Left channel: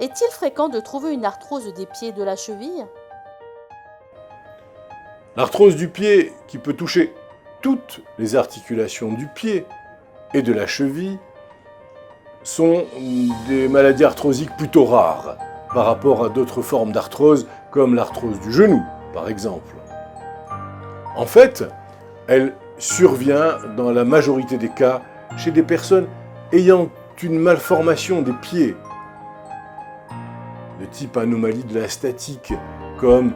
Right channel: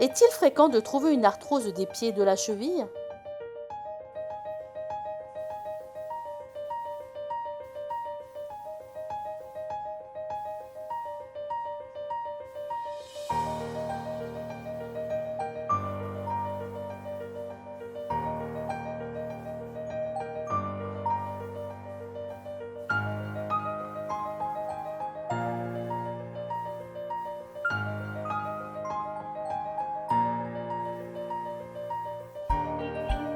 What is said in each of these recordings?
Est-il fréquent de trouver une arthrose des pieds et de la cheville? L'arthrose du pied, qui peut toucher toutes les articulations du pied et de la cheville, sont des maladies arthrosiques plutôt rares par rapport à d'autres formes d'arthrose, comme l'arthrose du genou, par exemple. En fait, elle survient dans la majorité des cas chez des personnes ayant une malformation des pieds, de type anomalie de la statique, comme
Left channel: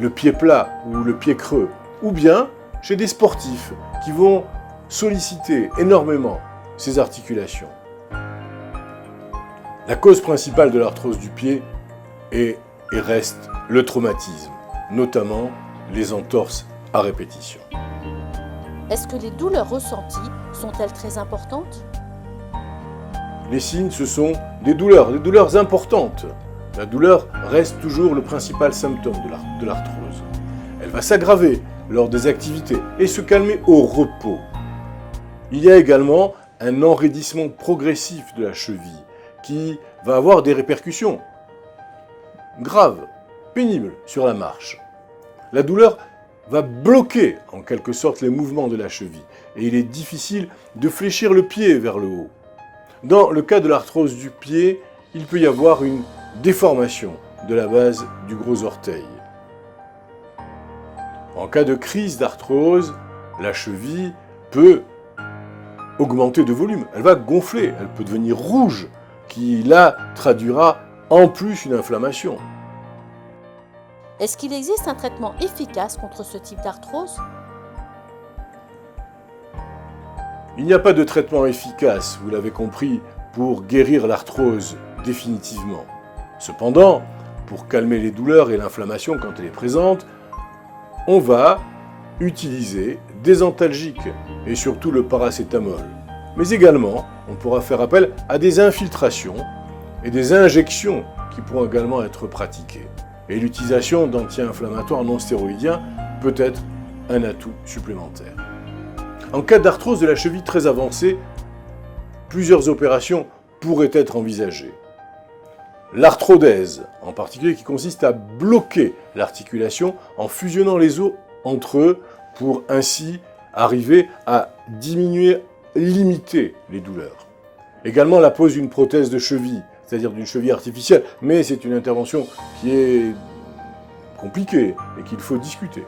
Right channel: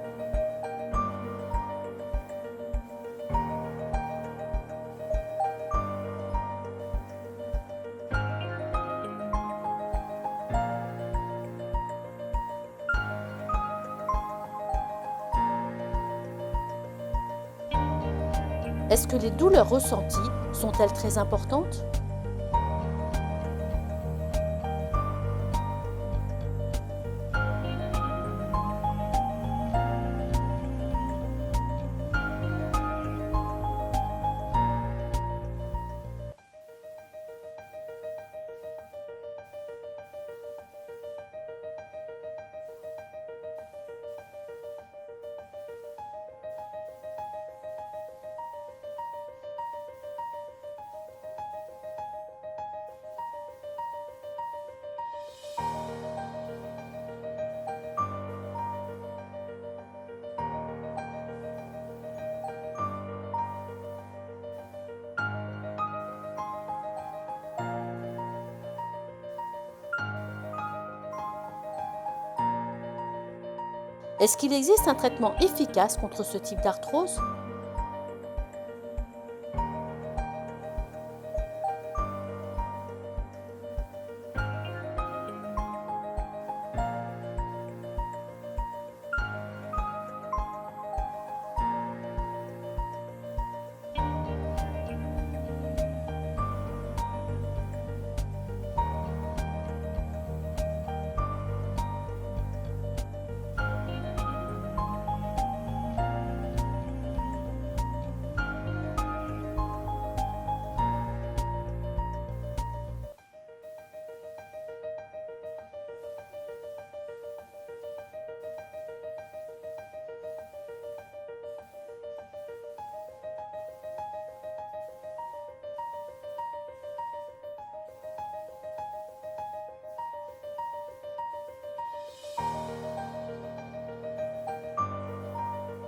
le pied plat ou le pied creux, ou bien chez des sportifs qui vont solliciter énormément ces articulations. La cause principale de l'arthrose du pied est et reste le traumatisme, notamment les entorses à répétition. Est-ce que les douleurs ressenties sont-elles très importantes? Les signes, ce sont des douleurs importantes. La douleur reste toujours le principal symptôme de l'arthrose. Elle va s'aggraver lors des activités et se calmer au repos. Il y a également un enraidissement progressif de la cheville qui va avoir des répercussions graves, pénibles sur la marche. La douleur va bloquer en quelque sorte les mouvements de la cheville et il est difficile de fléchir le pied vers le haut. Dans le cas de l'arthrose du pied, il peut y avoir une déformation de la base du gros orteil. En cas de crise d'arthrose, la cheville peut augmenter de volume. Elle va gonfler, elle peut devenir rouge, qui là traduira en plus une inflammation. Est-ce qu'il existe un traitement efficace contre ce type d'arthrose? Il n'y a pas de traitement efficace, vous l'avez compris, pour guérir l'arthrose définitivement. Cependant, pour calmer les douleurs et l'inflammation quand elle est présente, on va utiliser des antalgiques et surtout le paracétamol. Mais également, on pourra faire appel à des infiltrations et des injections qui pourront également être pratiquées. Et l'utilisation d'anti-inflammatoires non stéroïdiens peut être un atout supplémentaire. En cas d'arthrose de la cheville très avancée, plusieurs opérations pourraient être envisagées. L'arthrodèse, en particulier, qui consiste à bloquer l'articulation en fusionnant les os entre eux pour ainsi arriver à diminuer, limiter les douleurs. Également la pose d'une prothèse de cheville, c'est-à-dire d'une cheville artificielle, mais c'est une intervention qui est compliquée et qu'il faut discuter.